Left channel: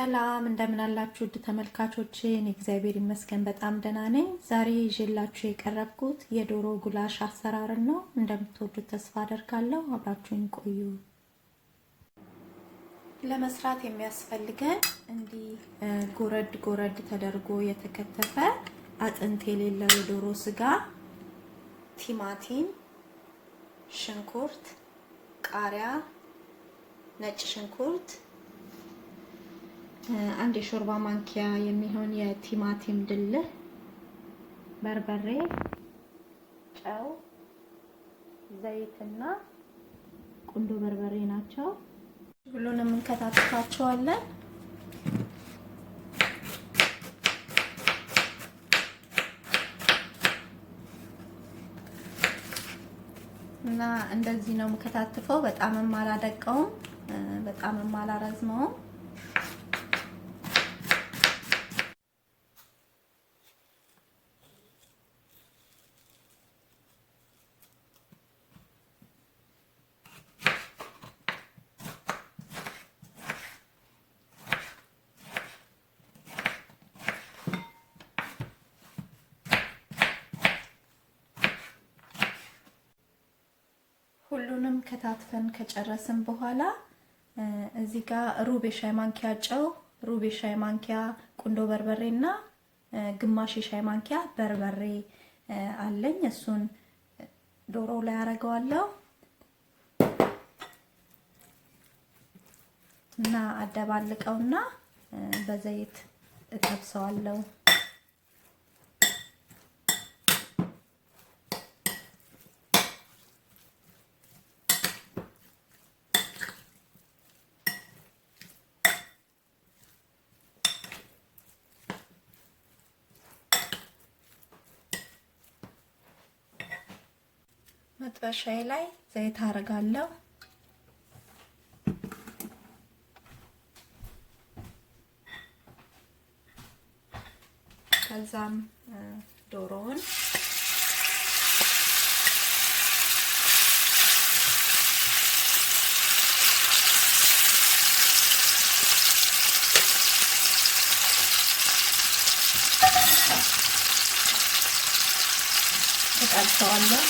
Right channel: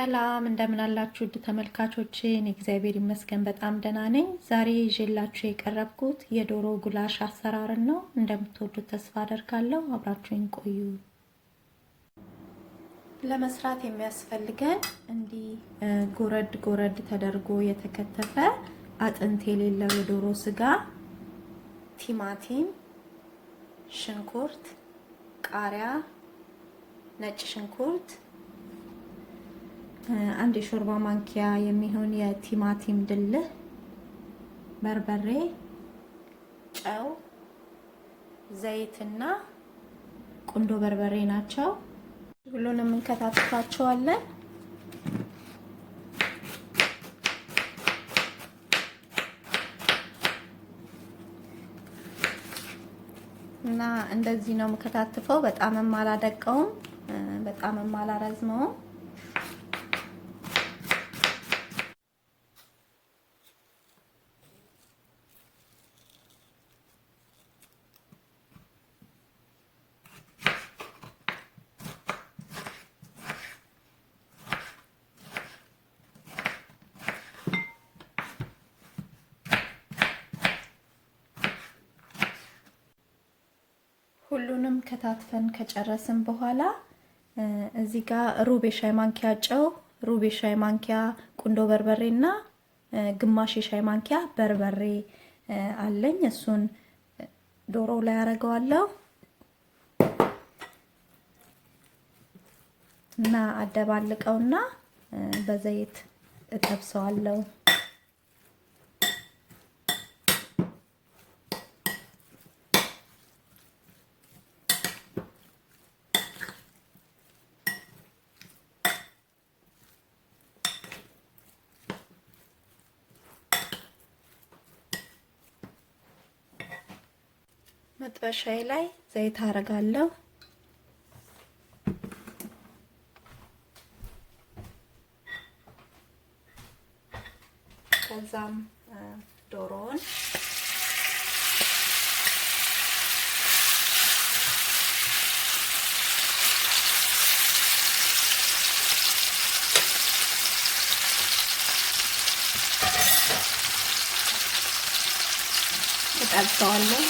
ሰላም እንደምን አላችሁ ተመልካቾቼ? እኔ እግዚአብሔር ይመስገን በጣም ደህና ነኝ። ዛሬ ይዤላችሁ የቀረብኩት የዶሮ ጉላሽ አሰራር ነው። እንደምትወዱት ተስፋ አደርጋለሁ። አብራችሁኝ ቆዩ። ለመስራት የሚያስፈልገን እንዲህ ጎረድ ጎረድ ተደርጎ የተከተፈ አጥንት የሌለው የዶሮ ስጋ፣ ቲማቲም፣ ሽንኩርት፣ ቃሪያ፣ ነጭ ሽንኩርት፣ አንድ የሾርባ ማንኪያ የሚሆን የቲማቲም ድልህ፣ በርበሬ፣ ጨው፣ ዘይትና ቁንዶበርበሬ ናቸው። ሁሉንም እንከታተፋቸዋለን። እና እንደዚህ ነው የምከታተፈው። በጣምም አላደቀውም፣ በጣምም አላረዝመውም። ሁሉንም ከታትፈን ከጨረስን በኋላ እዚህ ጋር ሩብ የሻይ ማንኪያ ጨው፣ ሩብ የሻይ ማንኪያ ቁንዶ በርበሬና ግማሽ የሻይ ማንኪያ በርበሬ አለኝ። እሱን ዶሮ ላይ አደርገዋለሁ እና አደባልቀውና በዘይት እጠብሰዋለሁ። መጥበሻዬ ላይ ዘይት አደርጋለሁ። ከዛም ዶሮውን እጠብሰዋለሁ።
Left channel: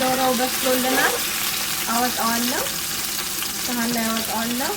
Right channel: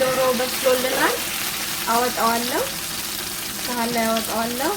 ዶሮ በስሎልናል። አወጣዋለሁ፣ ሳህን ላይ አወጣዋለሁ።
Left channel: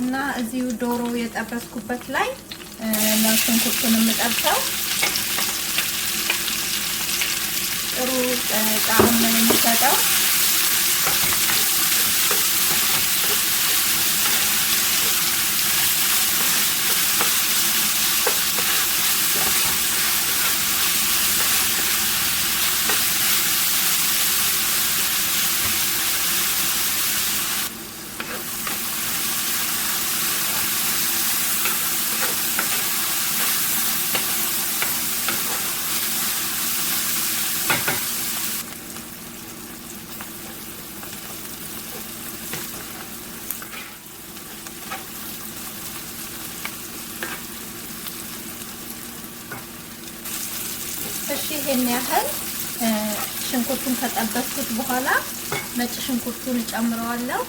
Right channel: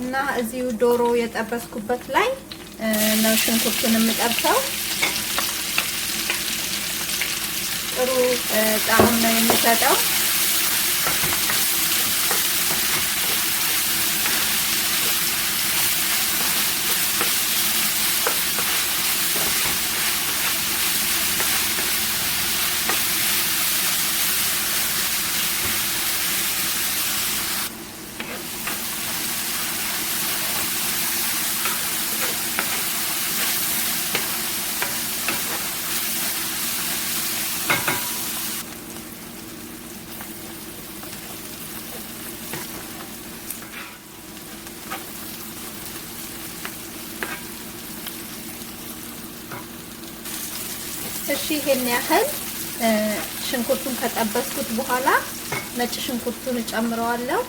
እና እዚሁ ዶሮ የጠበስኩበት ላይ ነው ሽንኩርቱን የምጠብሰው። ጥሩ ጣዕም ነው የሚሰጠው። ይሄን ያህል ሽንኩርቱን ተጠበስኩት በኋላ ነጭ ሽንኩርቱን ጨምረዋለሁ።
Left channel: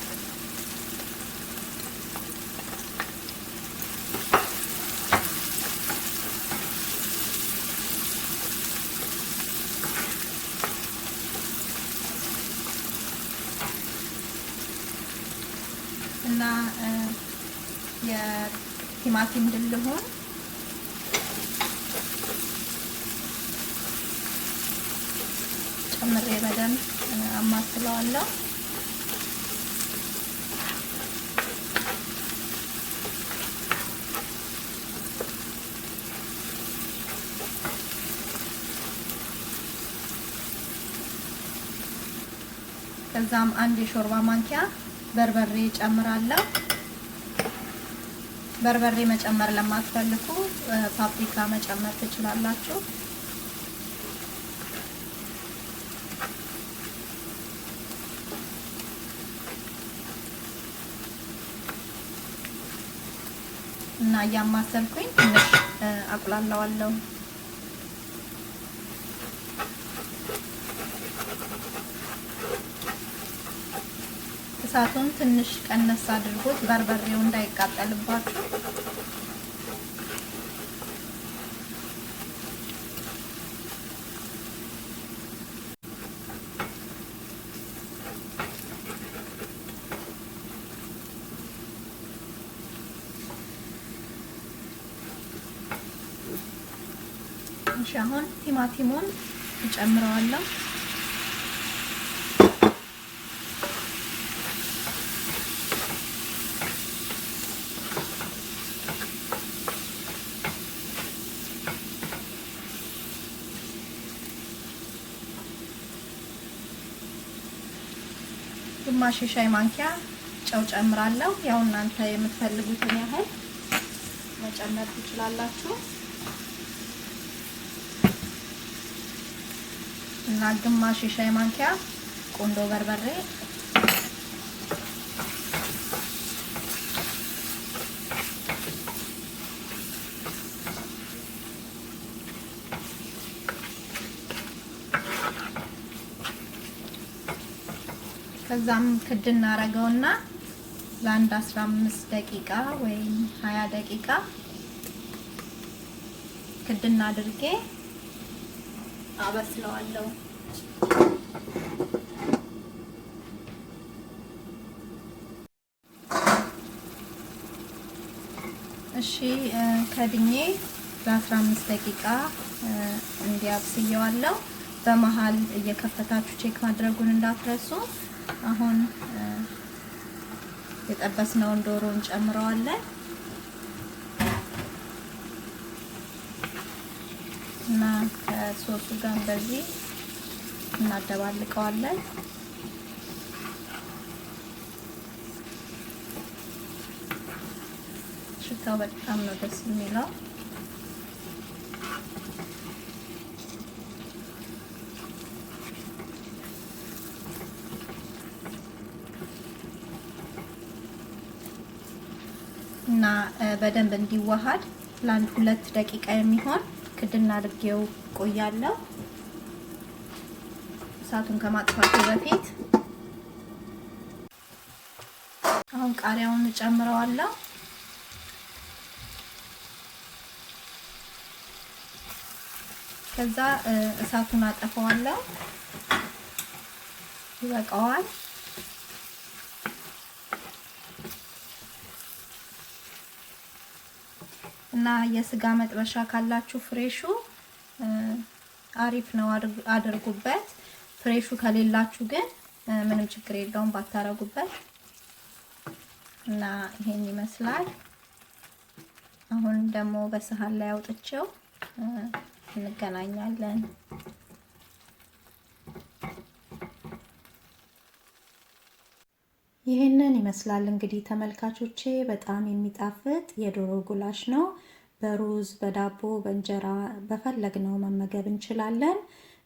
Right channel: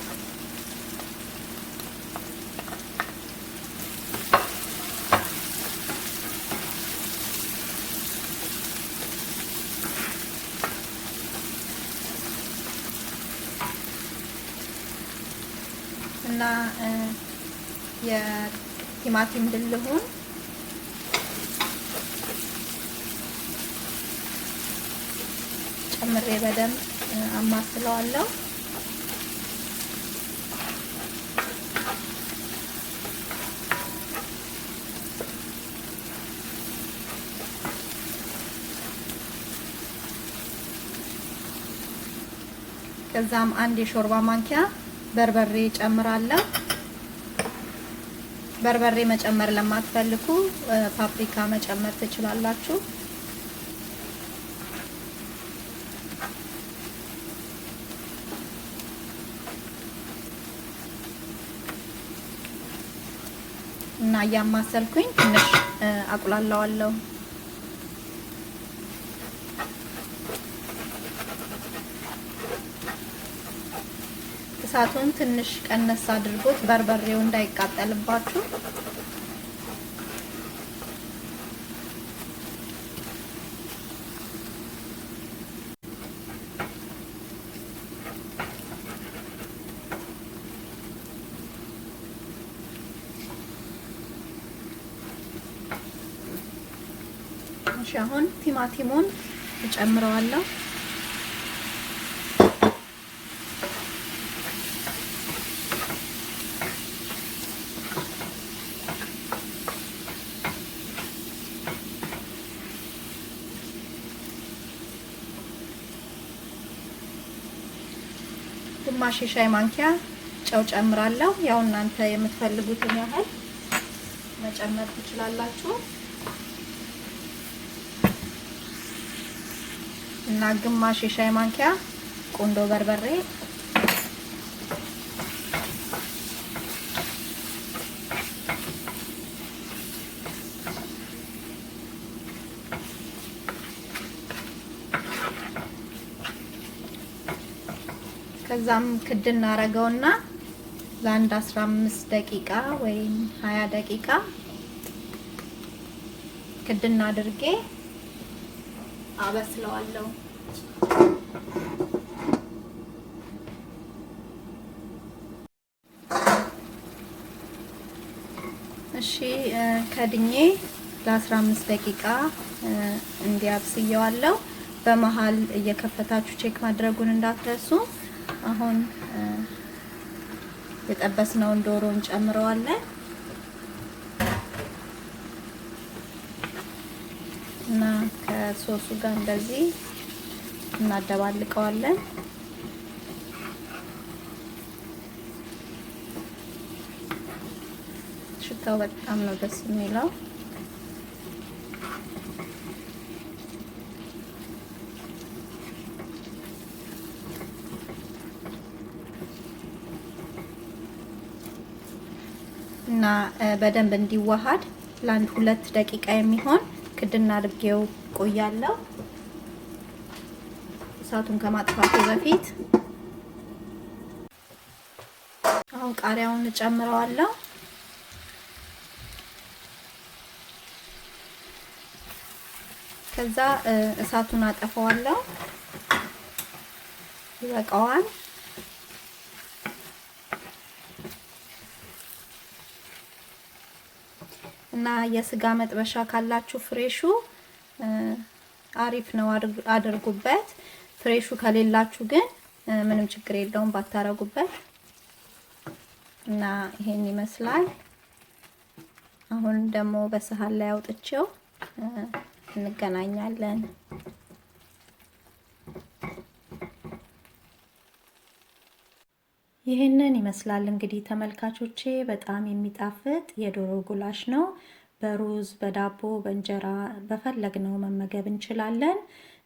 እና የቲማቲም ድልሁን ጨምሬ በደንብ አማስለዋለሁ። ከዛም አንድ የሾርባ ማንኪያ በርበሬ ጨምራለሁ። በርበሬ መጨመር ለማትፈልጉ ፓፕሪካ መጨመር ትችላላችሁ። እና ያማሰልኩኝ ትንሽ አቁላላዋለሁ። እሳቱን ትንሽ ቀነስ አድርጎት በርበሬው እንዳይቃጠልባችሁ። አሁን ቲማቲሙን እጨምረዋለሁ። ግማሽ ሻይ ማንኪያ ጨው ጨምራለሁ። ያው እናንተ የምትፈልጉትን ያህል መጨመር ትችላላችሁ። እና ግማሽ ሻይ ማንኪያ ቁንዶበርበሬ፣ ከዛም ክድ እናረገውና ለአንድ 15 ደቂቃ ወይም 20 ደቂቃ ክድና አድርጌ አበስለዋለሁ። እሺ ከድኜ ለ15 ደቂቃ እንዲያብስየዋለሁ። በመሃል እየከፈታችሁ ቼክ ማድረጉን እንዳትረሱ። አሁን የጠበስነውን ዶሮ እንጨምረዋለን እና ከሶሱ ጋር እንደዚህ እናደባልቀዋለን። ሽታው በጣም ነው ደስ የሚለው። እና በደንብ እንዲዋሃድ ለአንድ 2 ደቂቃ የሚሆን ክድና አድርጌው ቆያለሁ። እሳቱን ከማጥፋቱ በፊት አሁን ቃሪያውን እንጨምረዋለሁ። ከዛ እሳቱን አጠፋዋለሁ። ይበቃዋል። እና የስጋ መጥበሻ ካላችሁ ፍሬሹ አሪፍ ነው፣ አድርጉበት። ፍሬሹ ከሌላችሁ ግን ምንም ችግር የለውም ባታረጉበት። እና ይሄን ይመስላል። አሁን ደግሞ በሰሃን ላይ አውጥቼው እንገናኛለን። ይሄንን ይመስላል እንግዲህ ተመልካቾቼ፣ በጣም የሚጣፍጥ የዶሮ ጉላሽ ነው። በሩዝ፣ በዳቦ፣ በእንጀራ በፈለግነው መመገብ እንችላለን።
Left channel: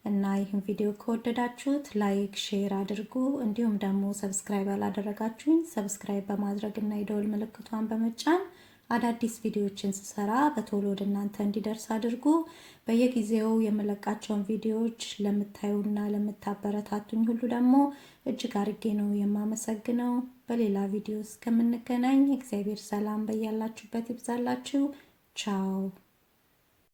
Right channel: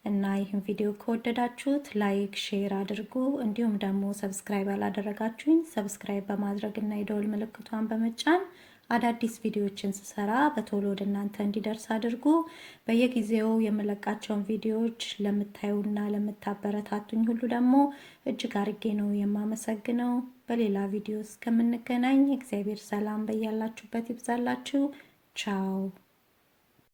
እና ይህን ቪዲዮ ከወደዳችሁት ላይክ፣ ሼር አድርጉ። እንዲሁም ደግሞ ሰብስክራይብ ያላደረጋችሁኝ ሰብስክራይብ በማድረግ እና የደወል ምልክቷን በመጫን አዳዲስ ቪዲዮዎችን ስሰራ በቶሎ ወደ እናንተ እንዲደርስ አድርጉ። በየጊዜው የምለቃቸውን ቪዲዮዎች ለምታዩና ለምታበረታቱኝ ሁሉ ደግሞ እጅግ አርጌ ነው የማመሰግነው። በሌላ ቪዲዮ እስከምንገናኝ እግዚአብሔር ሰላም በያላችሁበት ይብዛላችሁ። ቻው